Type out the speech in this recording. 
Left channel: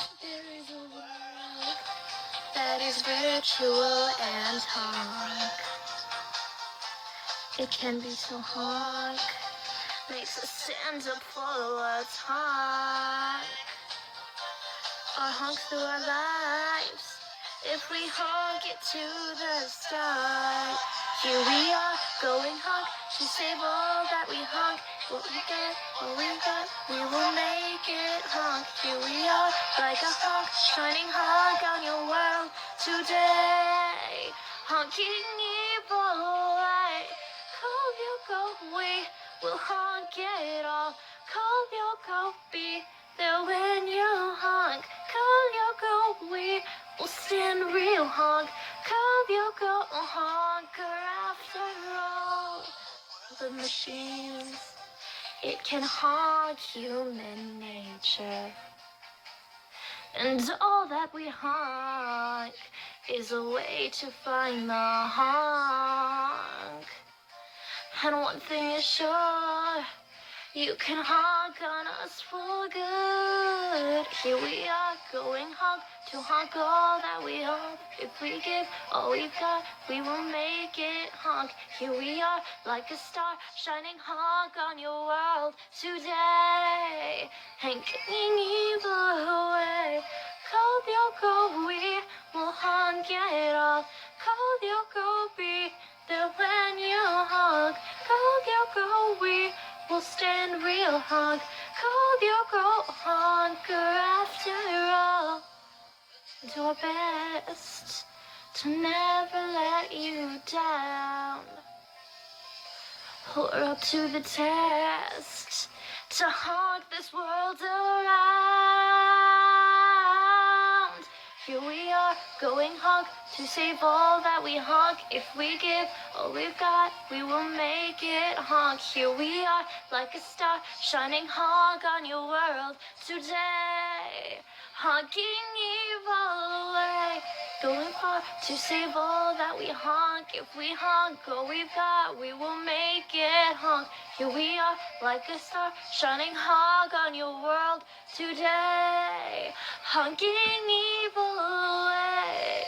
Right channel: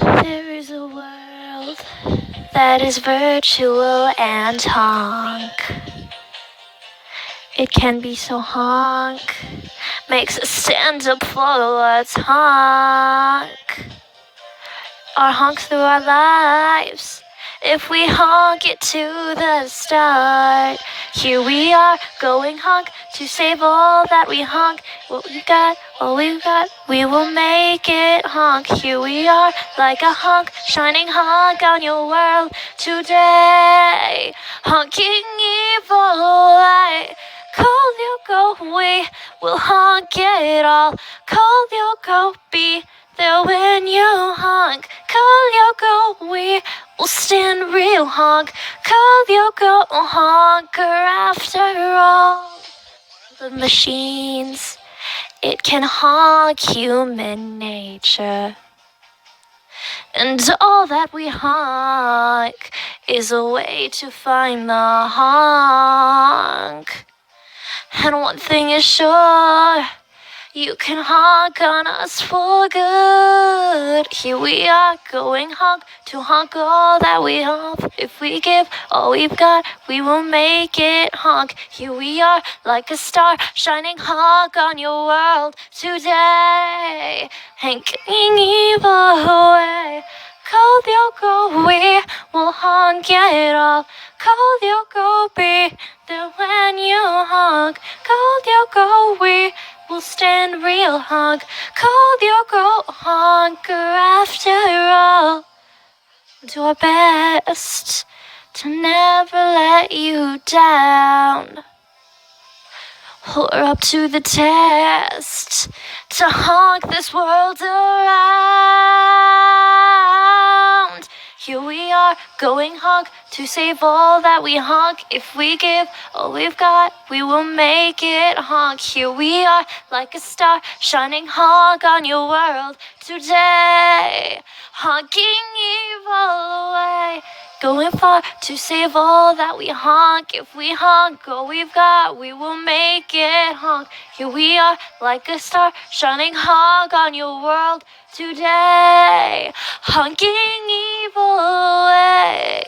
There is a world that is virtual and honk. It can be so honk, makes us stand up for what's honk. Our honk through our lives, if we honk it to the start. Here we are, going honk, to save all that we honk. What we got, all we've got, we will make it honk. Here we are, like a honk, shining honk on your world today. Honking evil light, cold you go, we will honk it all. Cold you go, be there when you honk. Cold you go, we will stand real honk. Cold you go, honker after all. The machines, it can honk human nature. And all that we honk is a way to find the honk. And one thing is sure, you can honk on us for good. Here we are, going honk, to honk all that we have. If we give all we've got, we will make it honk. Here we are, like a star, shining honk on your world today. Hanking evil away. Cold you go, we will honk it all. Cold you go, be there when you honk. Cold you go, we will stand real honk. Cold you go, honker after all. Do our best to never let you down. We're up to the test to honk this world around. Here we are, going honk, to save all that we honk. If we give all we've got, we will make it honk. Here we are, like a star, shining honk on your world today. Honking evil away, going far to save all that we honk. If we honk all we've got, we will make it honk. Here we are, like a star, shining honk on your world today. Honking evil away.